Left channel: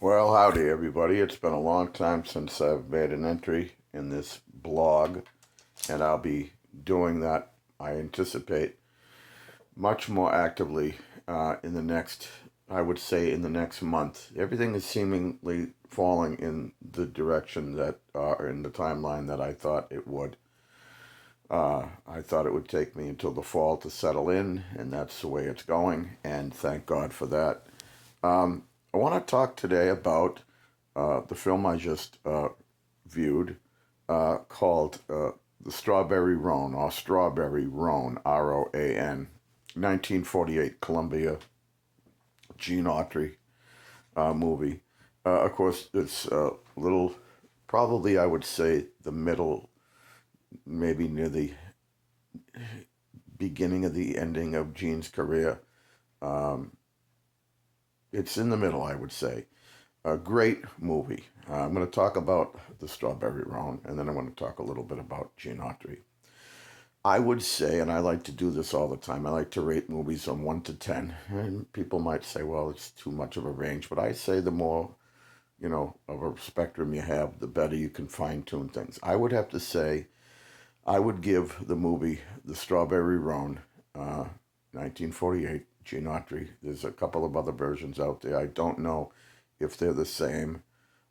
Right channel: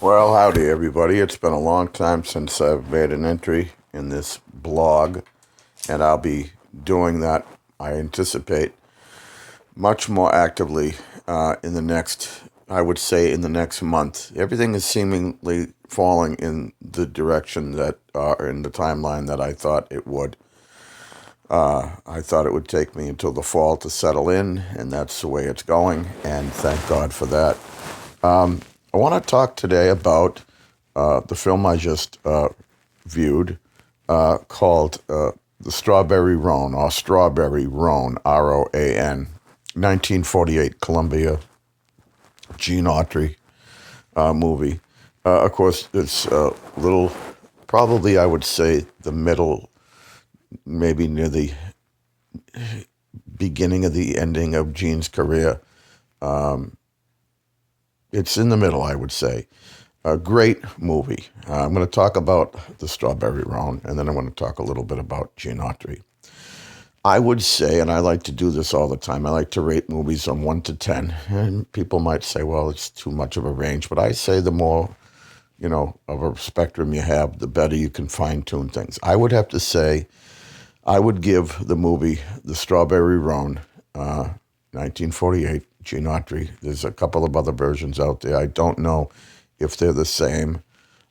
Well, howdy, everybody. It's been a long time since I've made an entry in this blog, and I'll be doing that, I anticipate, much more actively in the next, I would say, in the next month. Everything is seemingly falling in the direction that, in the timeline that I thought it would. I thought it would take me until the fall to settle in, and that's the way it's going, and thank God for that. I want to talk today about the film I just viewed called The Strawberry Roan, or Strawberry Roan, Roan, 1948 Columbia Gene Autry movie. Of course, it's a little, probably I would say the middle, maybe near the beginning of the ending of Gene's career. It's in the middle, I would say. A great movie. I'm going to talk about The Strawberry Roan, and then I'm going to talk a little bit about Gene Autry. I would say, and I like to do this all the time, I like to rate movies on 1 to 10. And people might say, well, it's too much of a range. But I say the more, of a spectrum you have, the better you can fine tune things. I would have to say, I would give the movie The Strawberry Roan, 1948, Gene Autry. There's a couple of other versions out there. I don't know if they're the same.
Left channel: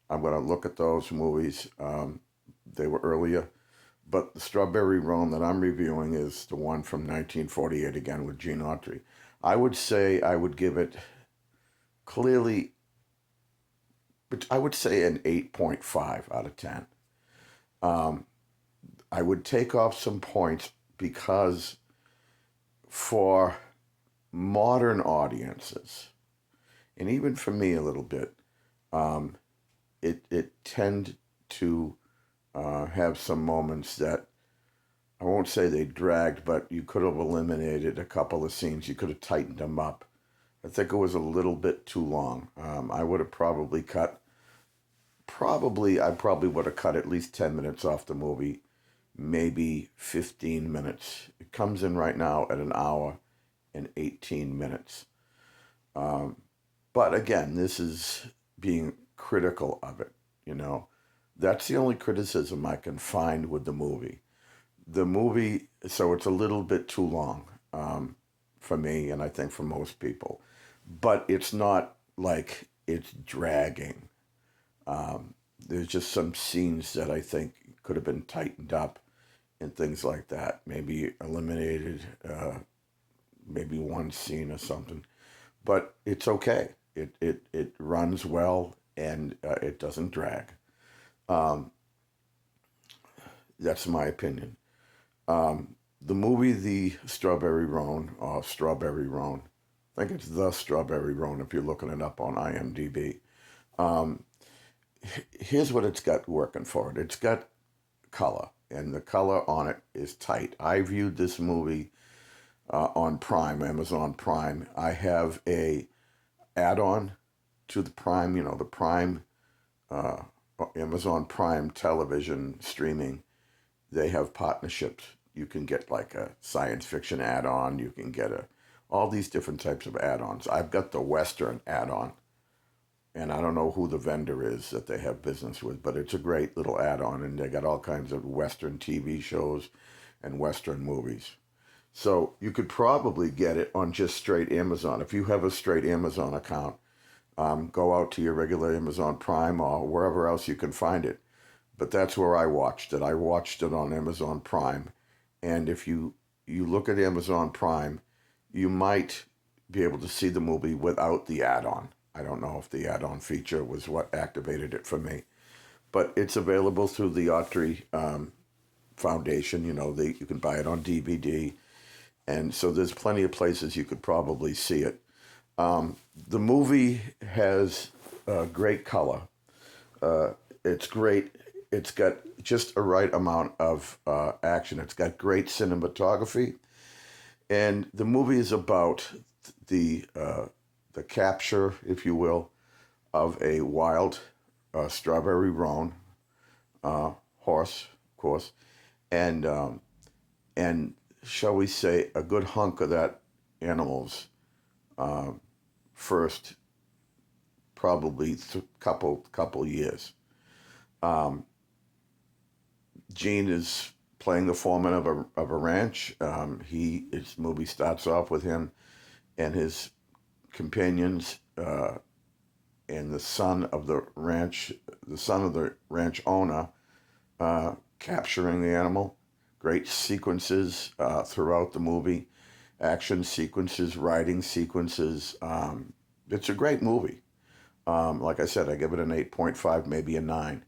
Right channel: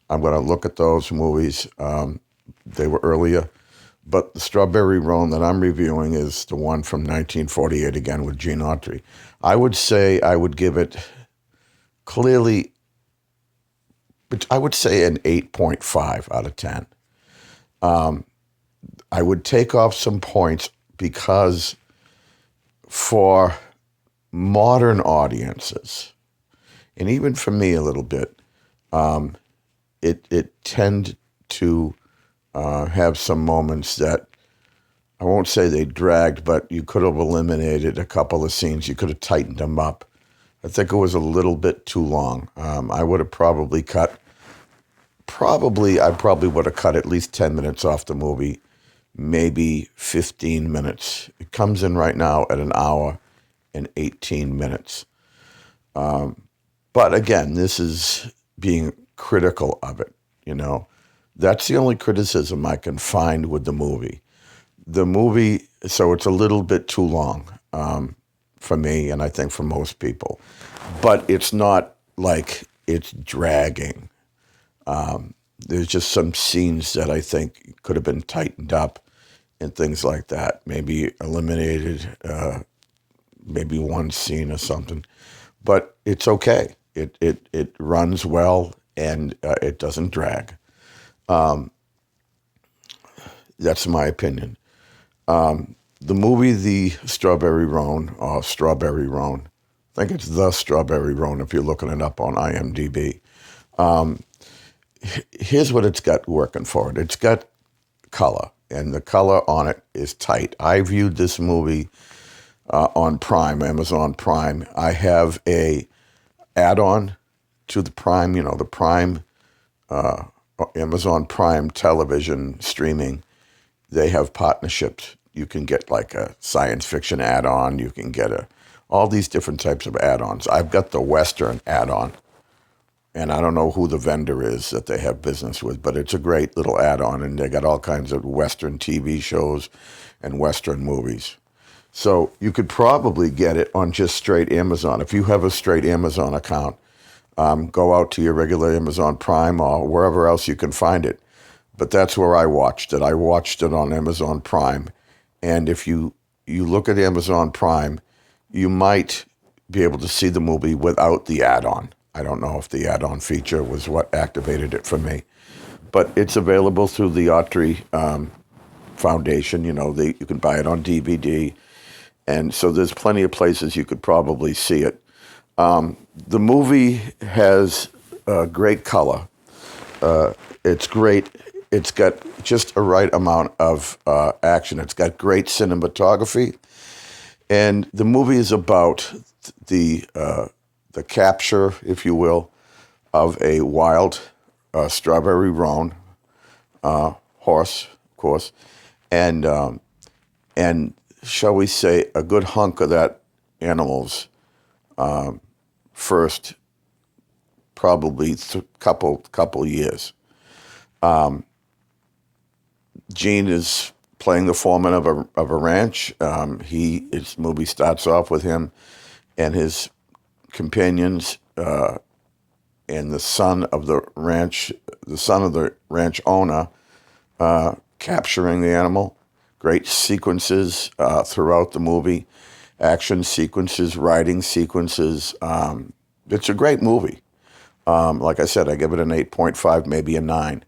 I'm going to look at those movies. They were earlier. But the Strawberry Roan that I'm reviewing is the one from 1948, again with Gene Autry. I would say I would give it clearly, but I would say an 8.5 out of 10. I would take off some points because for modern audiences, and even for me a little bit, it tend to have some moments that I won't say they dragged, but you could have eliminated a couple of scenes. You could have tightened them up. I think it was a little bit too long. I would have I probably would have cut at least 10 minutes off the movie, maybe 15 minutes. It comes in right now at an hour and 18 minutes. But again, this is being critical of it, you know. That's the only criticism I can find with the movie. The movie, so it's a little bit too long for me, and I think for most people. But it's not like it's dragging. There's just some scenes that I think could have been tightened up and things like that. Maybe eliminated, maybe one scene or something. But it's okay. It runs well and it doesn't drag. That's my opinion. The movie The Strawberry Roan, or Strawberry Roan, I think it's The Strawberry Roan if you're looking it up on IMDb. Here's what it's got working for it. It's got color, and the color on it is tight. I viewed this movie on Prime, Amazon Prime. I have a add-on to the Prime, the Prime, Amazon Prime television streaming. They have partnerships. You can get like a science fiction add-on. You can get all these different types of add-ons. I've got the Western add-on, and I don't know who the vendor is that they have business with, but it's a great little add-on, and they got all kinds of Western TV shows and Western movies. So you could probably get it on just straight Amazon. If you have a straight Amazon account, go out to your regular Amazon Prime or wherever else you can find it. But that's where I watched it. I watched it on Amazon Prime. And if you look at Amazon Prime, you might be able to see the movie without the add-on. I don't know if the add-on feature was what activated it for me. But it's available through the Autry Foundation. You can buy it on DVD. And so there's plenty of places you could probably see it. The movie has great color. It's great. It's got just a right amount of action. It's got great cinematography, and the movie is about the capture, if you will, of a wild strawberry roan horse, of course, and and shall we say a good hunk of that animal's first probably couple years. Gene is playing the foreman of a ranch. His movie starts off with him and his companions and the son of the ranch owner capturing the animal. Great sequences throughout the movie, action sequences, writing sequences. It's a great movie. Like I said, I give it an 8.5, maybe a 9.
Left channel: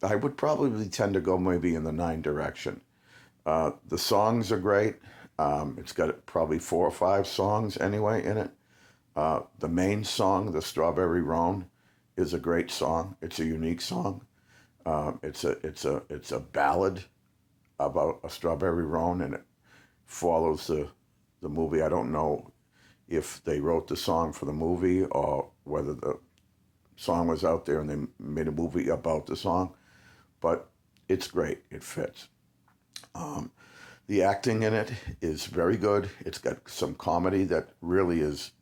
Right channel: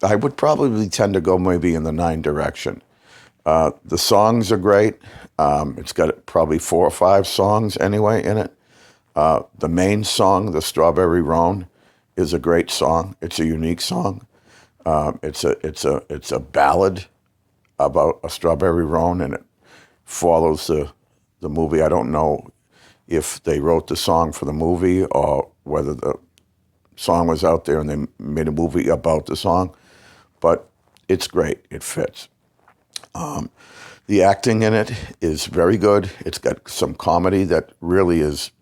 I would probably tend to go maybe in the 9 direction. The songs are great. It's got probably 4 or 5 songs anyway in it. The main song, the Strawberry Roan, is a great song. It's a unique song. It's a ballad about a strawberry roan, and it follows the movie. I don't know if they wrote the song for the movie or whether the song was out there and they made a movie about the song, but it's great. It fits. The acting in it is very good. It's got some comedy that really is,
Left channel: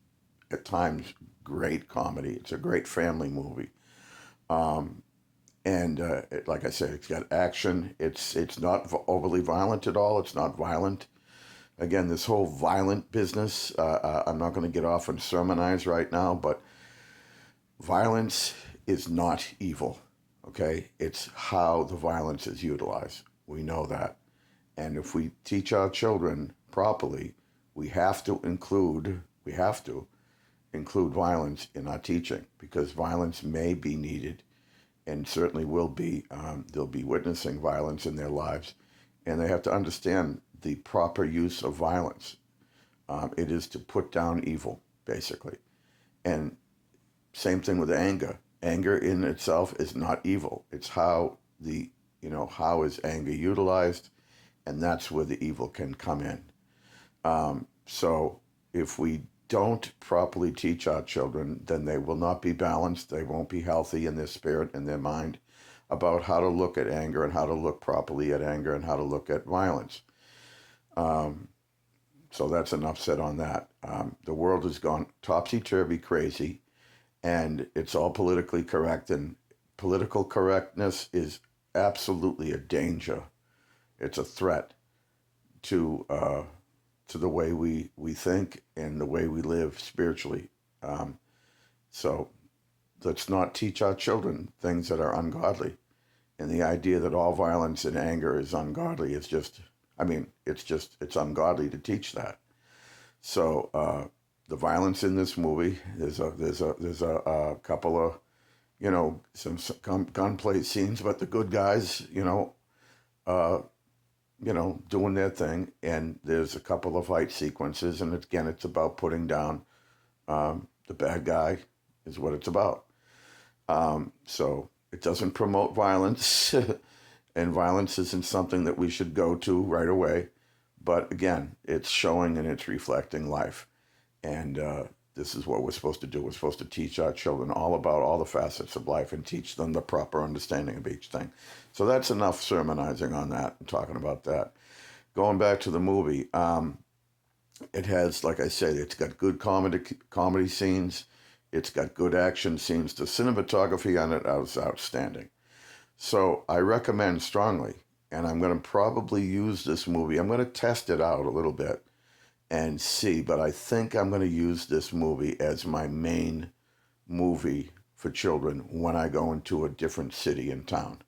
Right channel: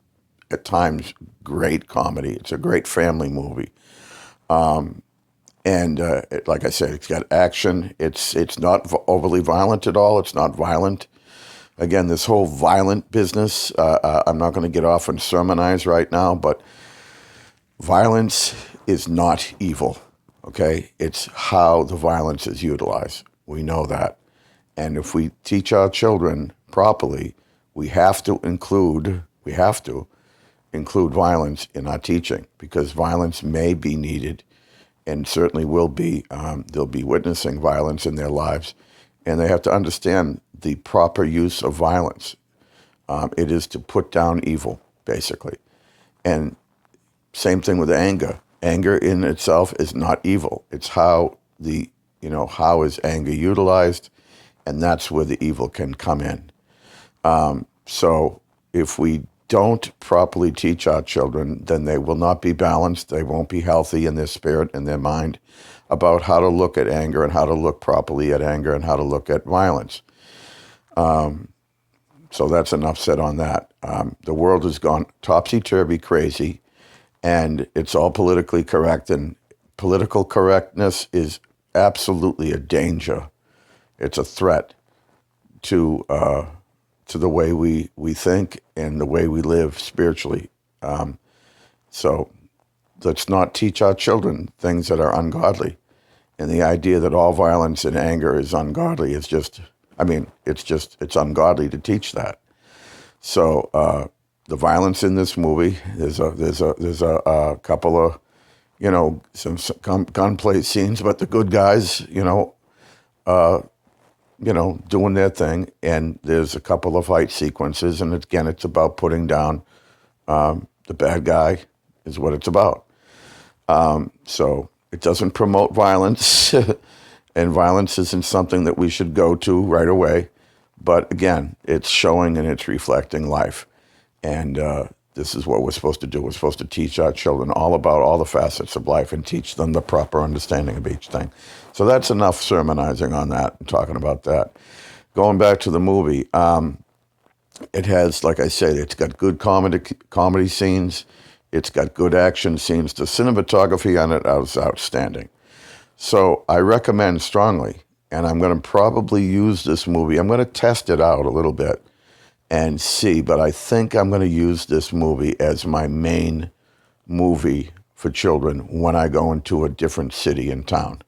at times, great comedy. It's a great family movie. Like I said, it's got action. It's not overly violent at all. It's not violent. Again, this whole violent business, I'm not going to get off and sermonize right now, but violence is not evil, okay? It's how the violence is utilized. We know that. And if we teach our children properly, we have to include violence in our teaching, because violence may be needed and certainly will be. They'll be witnessing violence in their lives, and they have to understand the proper use of violence. It is to put down evil, basically. And same thing with anger. Anger in itself is not evil. It's how is anger utilized, and that's where the evil can come in. So if we don't properly teach our children, then they will not be balanced. They won't be healthy in their spirit and their mind about how to look at anger and how to look properly at anger and how to look at violence. So that's enough said on that. The world has gone topsy-turvy crazy, and it's all politically correct, and political correctness is absolutely a danger. It's a threat to the way we think and the way we live spiritually. So let's not teach our children things that are ungodly. And the idea that all violence and anger is ungodly is it's ungodly to teach that. So the violence in this movie, there's a couple of, some gunplay scenes, but the good guys, doing their thing. And there's a couple of fight sequences. And again, it's about putting down the bad guy is what it's about. So it doesn't promote violence, and violence isn't something that we should go to right away. But again, it's showing and it's reflecting life. And this is what we're supposed to do. We're supposed to teach our children all about all the facets of life and teach them the proper understanding of each thing. So that's enough sermonizing on that and talking about that. Going back to the movie, it has, like I said, it's got good comedy scenes. It's got good action scenes. The cinematography on it is outstanding. So I recommend strongly, and I'm going to probably use this movie. I'm going to test it out a little bit and see, but I think I'm going to use this movie as my main movie for children when I go into a different city and town.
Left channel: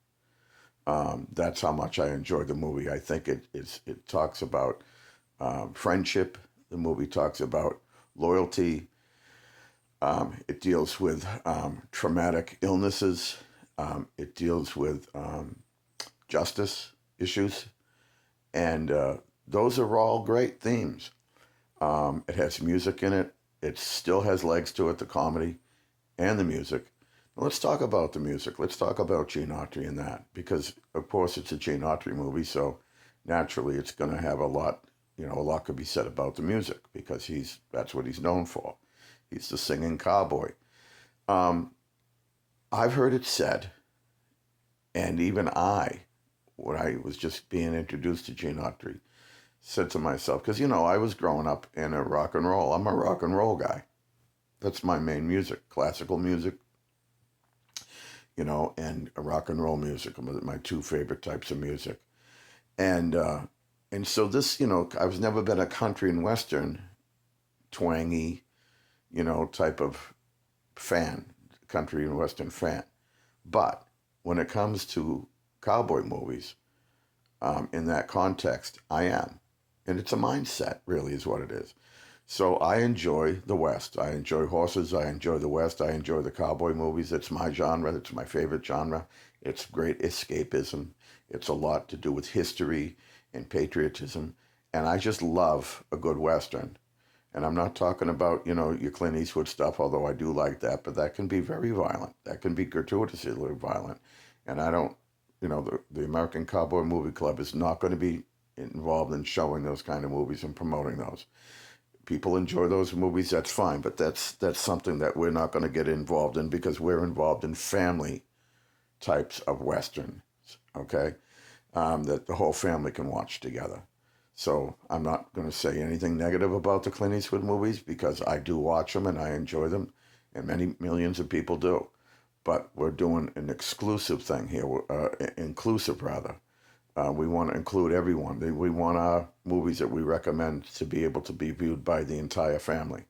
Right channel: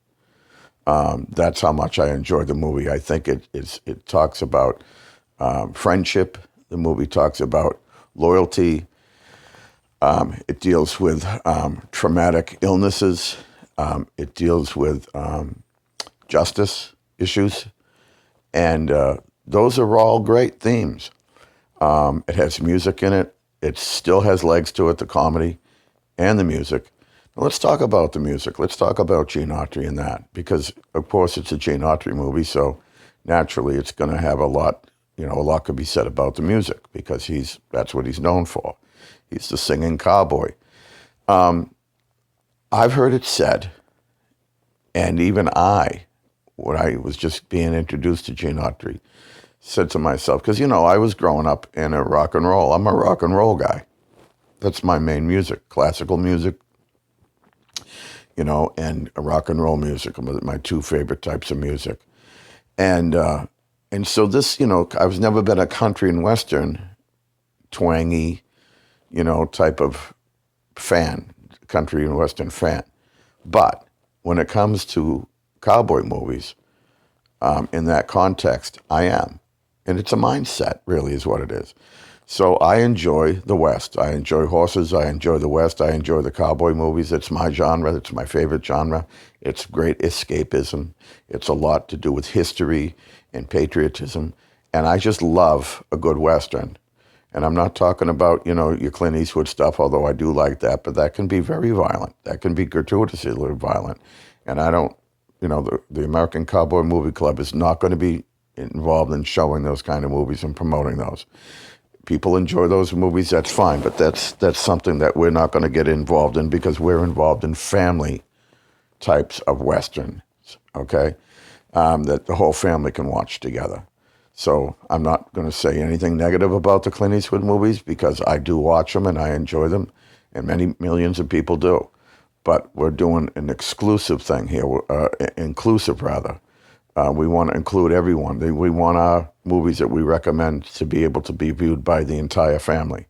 That's how much I enjoy the movie. I think it talks about friendship. The movie talks about loyalty. It deals with traumatic illnesses. It deals with justice issues. And those are all great themes. It has music in it. It still has legs to it, the comedy and the music. Now, let's talk about the music. Let's talk about Gene Autry and that, because, of course, it's a Gene Autry movie, so naturally it's going to have a lot could be said about the music, because that's what he's known for. He's the singing cowboy. I've heard it said, and even when I was just being introduced to Gene Autry, said to myself, because, I was growing up in a rock and roll. I'm a rock and roll guy. That's my main music, classical music, and rock and roll music are my two favorite types of music. And so this, I was never been a country and western twangy, type of fan, country and western fan. But when it comes to cowboy movies, in that context, I am. And it's a mindset, really, is what it is. So I enjoy the West. I enjoy horses. I enjoy the West. I enjoy the cowboy movies. It's my genre. It's my favorite genre. It's great escapism. It's a lot to do with history and patriotism. And I just love a good Western. And I'm not talking about, your Clint Eastwood stuff, although I do like that, but that can be very violent. That can be gratuitously violent. And I don't, the American Cowboy Movie Club is not going to be involved in showing those kind of movies and promoting those. People enjoy those movies, that's fine, but that's something that we're not going to get involved in because we're involved in family types of Westerns, okay, that the whole family can watch together. So I'm not going to say anything negative about the Clint Eastwood movies because I do watch them and I enjoy them, and many millions of people do. But we're doing an exclusive thing here, inclusive rather. We want to include everyone. We want our movies that we recommend to be able to be viewed by the entire family,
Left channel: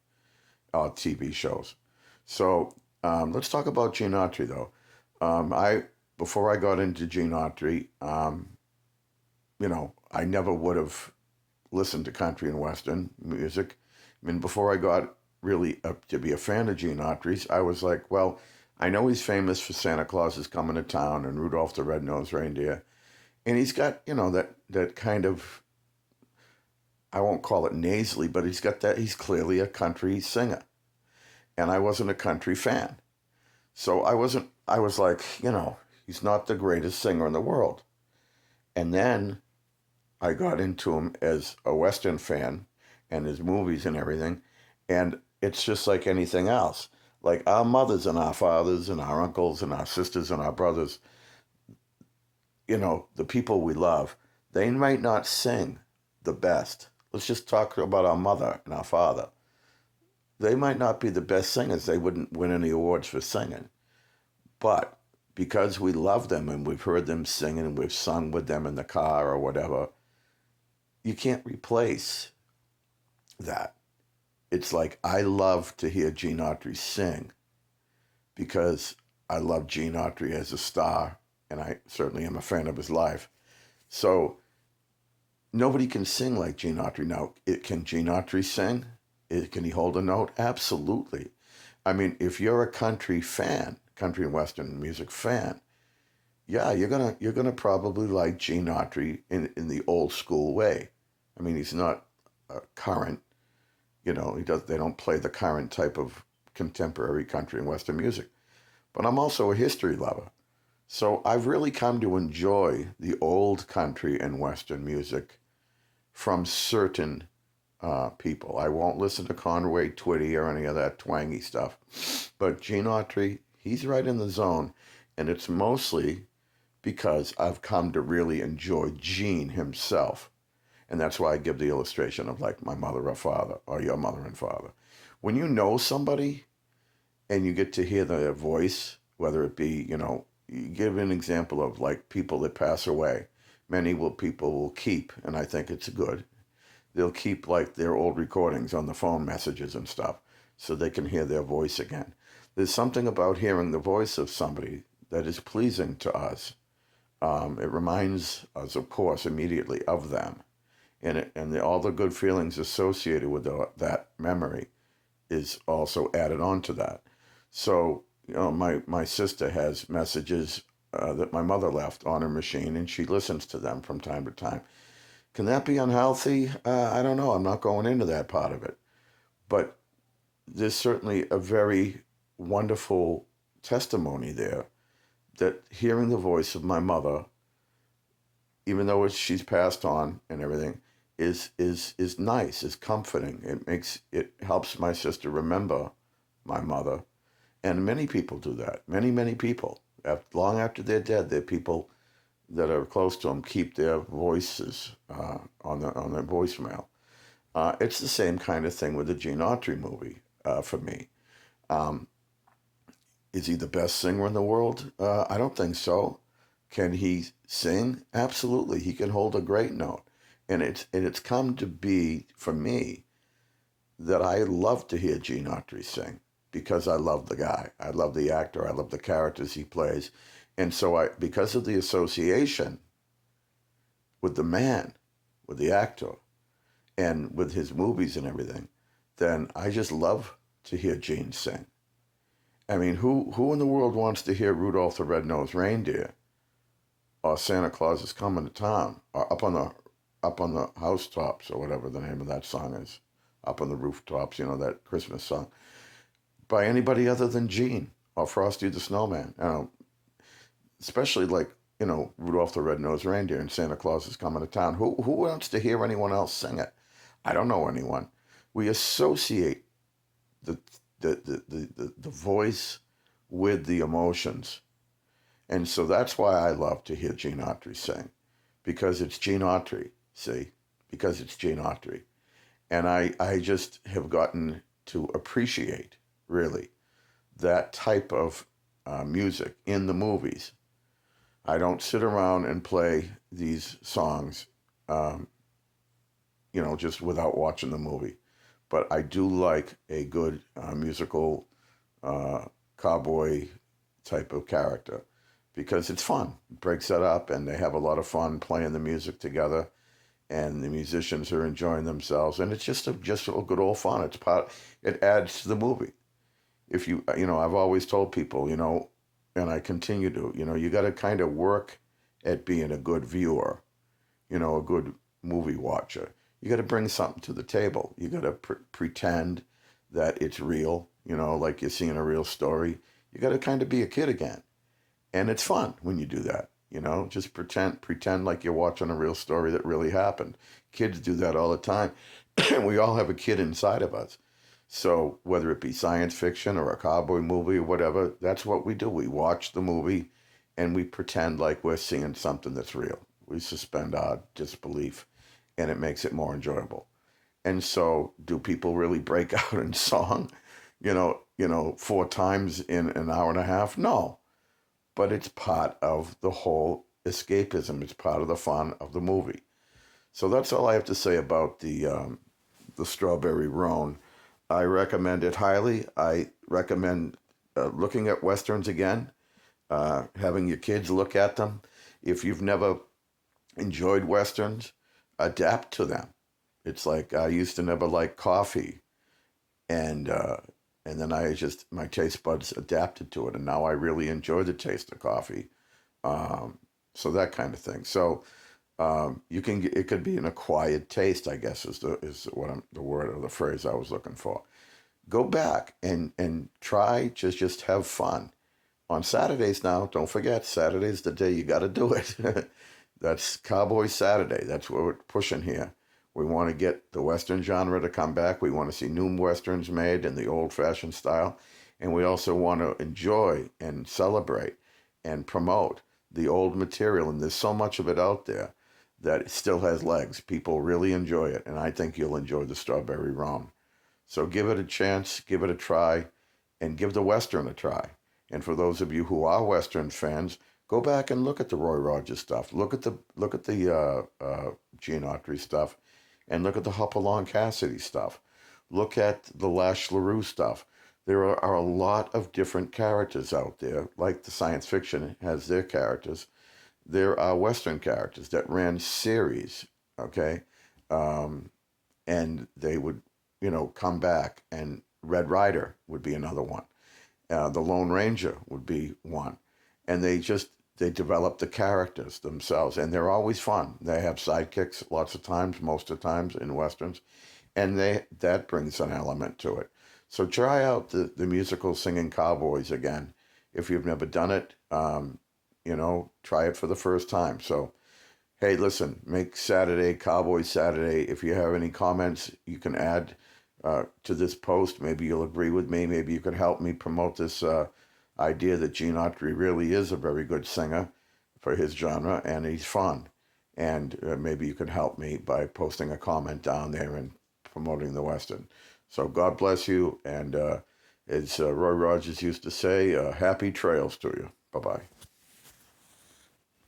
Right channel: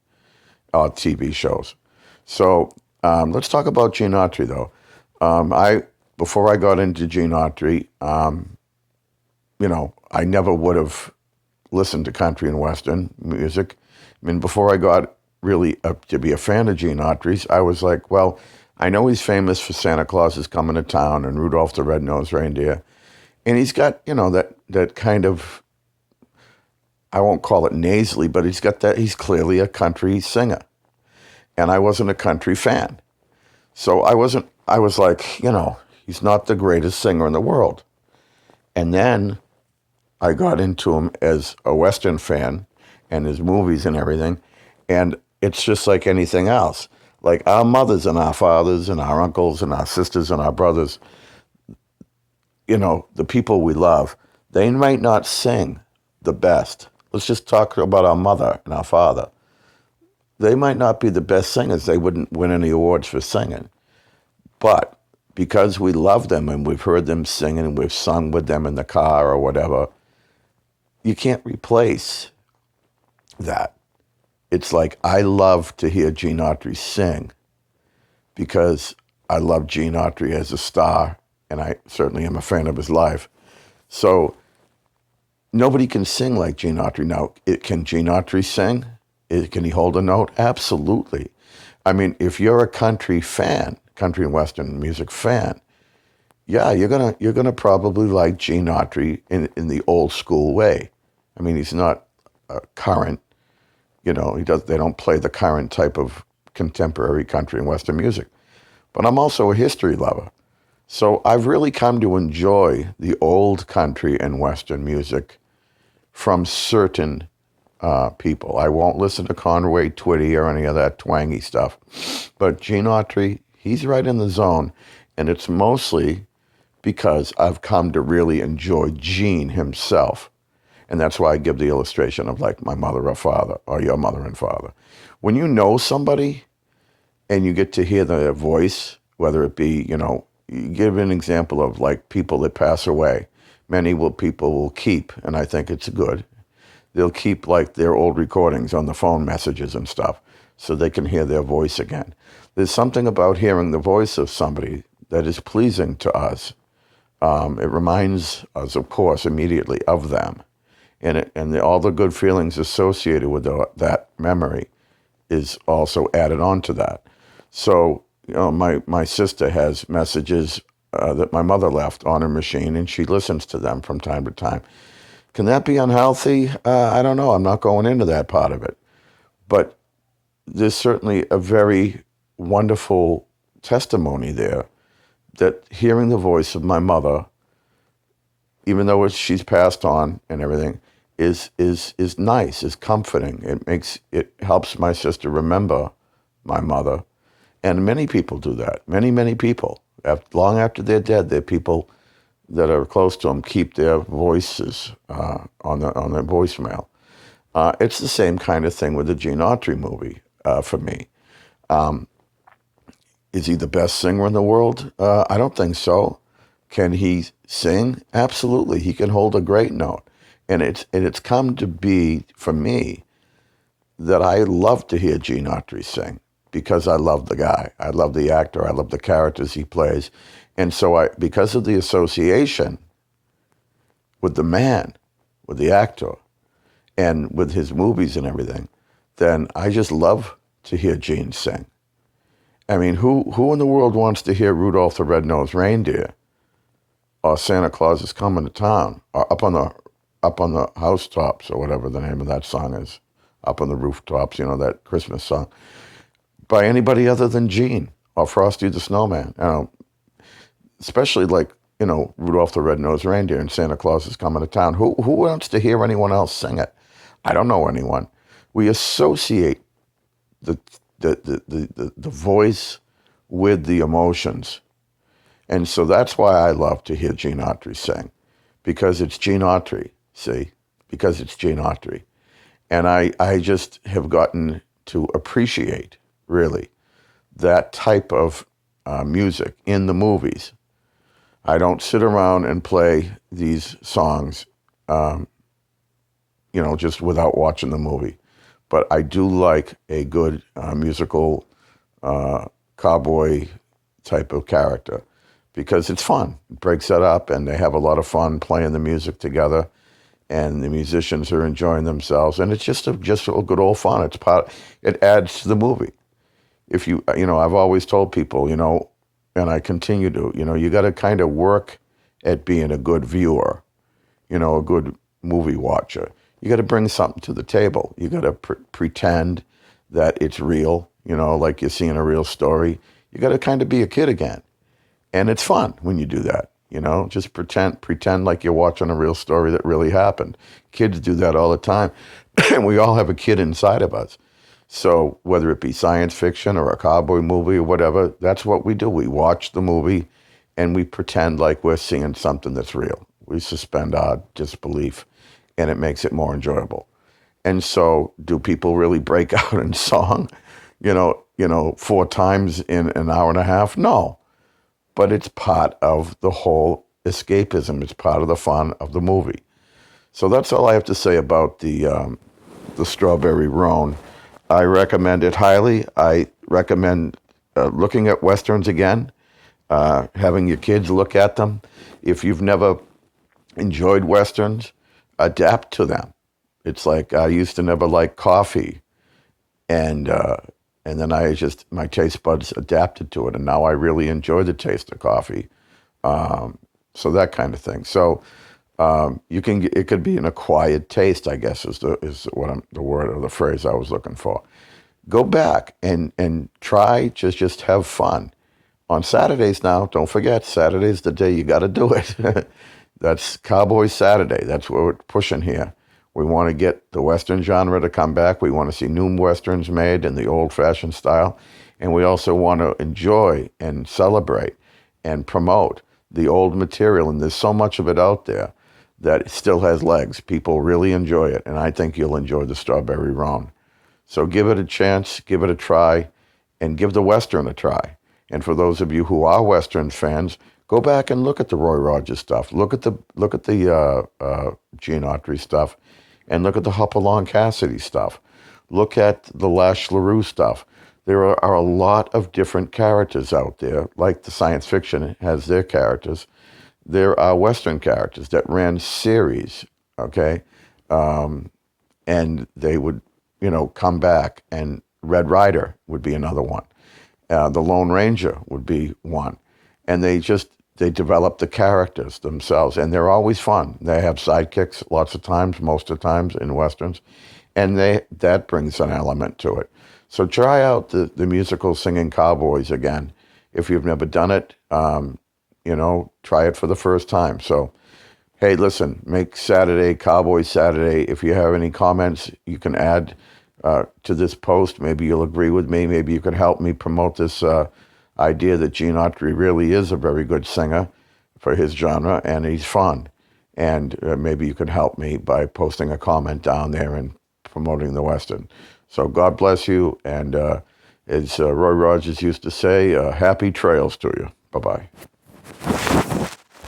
TV shows. So let's talk about Gene Autry, though. Before I got into Gene Autry, I never would have listened to country and western music. I mean, before I got really to be a fan of Gene Autry's, I was like, well, I know he's famous for Santa Claus is Coming to Town and Rudolph the Red-Nosed Reindeer. And he's got, that kind of, I won't call it nasally, but he's clearly a country singer. And I wasn't a country fan. So I was like, he's not the greatest singer in the world. And then I got into him as a Western fan and his movies and everything. And it's just like anything else. Like our mothers and our fathers and our uncles and our sisters and our brothers, the people we love, they might not sing the best. Let's just talk about our mother and our father. They might not be the best singers. They wouldn't win any awards for singing. But because we love them and we've heard them sing and we've sung with them in the car or whatever, you can't replace that. It's like I love to hear Gene Autry sing because I love Gene Autry as a star, and I certainly am a fan of his life. So nobody can sing like Gene Autry. Now, can Gene Autry sing? Can he hold a note? Absolutely. I mean, if you're a country fan, country and western music fan, yeah, you're gonna probably like Gene Autry in the old school way. I mean, he's not current. They don't play the current type of contemporary country and western music. But I'm also a history lover. So I've really come to enjoy the old country and western music from certain people. I won't listen to Conway Twitty or any of that twangy stuff. But Gene Autry, he's right in the zone. And it's mostly because I've come to really enjoy Gene himself. And that's why I give the illustration of like my mother or father or your mother and father. When you know somebody and you get to hear their voice, whether it be, you give an example of like people that pass away. People will keep, and I think it's good, they'll keep like their old recordings on the phone messages and stuff so they can hear their voice again. There's something about hearing the voice of somebody that is pleasing to us. It reminds us, of course, immediately of them. And all the good feelings associated with that memory is also added on to that. So, my sister has messages that my mother left on her machine, and she listens to them from time to time. Can that be unhealthy? I don't know. I'm not going into that part of it. But there's certainly a very wonderful testimony there that hearing the voice of my mother, even though she's passed on and everything, is nice, is comforting. It helps my sister remember my mother. And many people do that. Many people. Long after they're dead, there are people that are close to them keep their voices on their voicemail. It's the same kind of thing with the Gene Autry movie for me. Is he the best singer in the world? I don't think so. Can he sing? Absolutely. He can hold a great note. And it's come to be for me that I love to hear Gene Autry sing because I love the guy. I love the actor. I love the characters he plays. And so because of the association with the man, with the actor, and with his movies and everything, then I just love to hear Gene sing. I mean, who in the world wants to hear Rudolph the Red-Nosed Reindeer or Santa Claus is Coming to Town or up on the housetops or whatever the name of that song is, up on the rooftops, that Christmas song, by anybody other than Gene or Frosty the Snowman? Especially like, Rudolph the Red-Nosed Reindeer and Santa Claus is Coming to Town. Who wants to hear anyone else sing it? I don't know anyone. We associate the the voice with the emotions. And so that's why I love to hear Gene Autry sing, because it's Gene Autry, see? Because it's Gene Autry. And I just have gotten to appreciate, really, that type of music in the movies. I don't sit around and play these songs, just without watching the movie. But I do like a good musical cowboy type of character because it's fun. It breaks it up, and they have a lot of fun playing the music together, and the musicians are enjoying themselves, and it's just a good old fun. It adds to the movie. If I've always told people, and I continue to, you got to kind of work at being a good viewer, a good movie watcher. You got to bring something to the table. You got to pretend that it's real, like you're seeing a real story. You got to kind of be a kid again. And it's fun when you do that, just pretend like you're watching a real story that really happened. Kids do that all the time. And we all have a kid inside of us. So whether it be science fiction or a cowboy movie or whatever, that's what we do. We watch the movie and we pretend like we're seeing something that's real. We suspend our disbelief, and it makes it more enjoyable. And so, do people really break out in song, 4 times in an hour and a half? No, but it's part of the whole escapism. It's part of the fun of the movie. So that's all I have to say about the Strawberry Roan. I recommend it highly. I recommend looking at Westerns again, having your kids look at them. If you've never enjoyed Westerns, adapt to them. It's like I used to never like coffee, and then my taste buds adapted to it, and now I really enjoy the taste of coffee. So that kind of thing. So it could be an acquired taste, I guess, is the word or the phrase I was looking for. Go back and try to just have fun. On Saturdays now, don't forget, Saturday's the day you got to do it. That's Cowboy Saturday. That's what we're pushing here. We want to get the Western genre to come back. We want to see new Westerns made in the old-fashioned style. And we also want to enjoy and celebrate and promote the old material. And there's so much of it out there that it still has legs. People really enjoy it. And I think you'll enjoy the Strawberry Roan. So give it a chance, give it a try, and give the Western a try. And for those of you who are Western fans, go back and look at the Roy Rogers stuff. Look at the Gene Autry stuff, and look at the Hopalong Cassidy stuff. Look at the Lash LaRue stuff. There are a lot of different characters out there, like the science fiction has their characters. There are Western characters that ran series, okay, and they would, come back. And Red Rider would be another one. The Lone Ranger would be one. And they develop the characters themselves, and they're always fun. They have sidekicks lots of times, most of the times in Westerns, and that brings an element to it. So try out the musical Singing Cowboys again. If you've never done it, try it for the first time. So, hey, listen, make Saturday Cowboy Saturday. If you have any comments, you can add to this post. Maybe you'll agree with me. Maybe you can help me promote this idea that Gene Autry really is a very good singer for his genre, and he's fun. And maybe you can help me by posting a comment down there and promoting the Western. So God bless you, and As Roy Rogers used to say, happy trails to you. Bye-bye.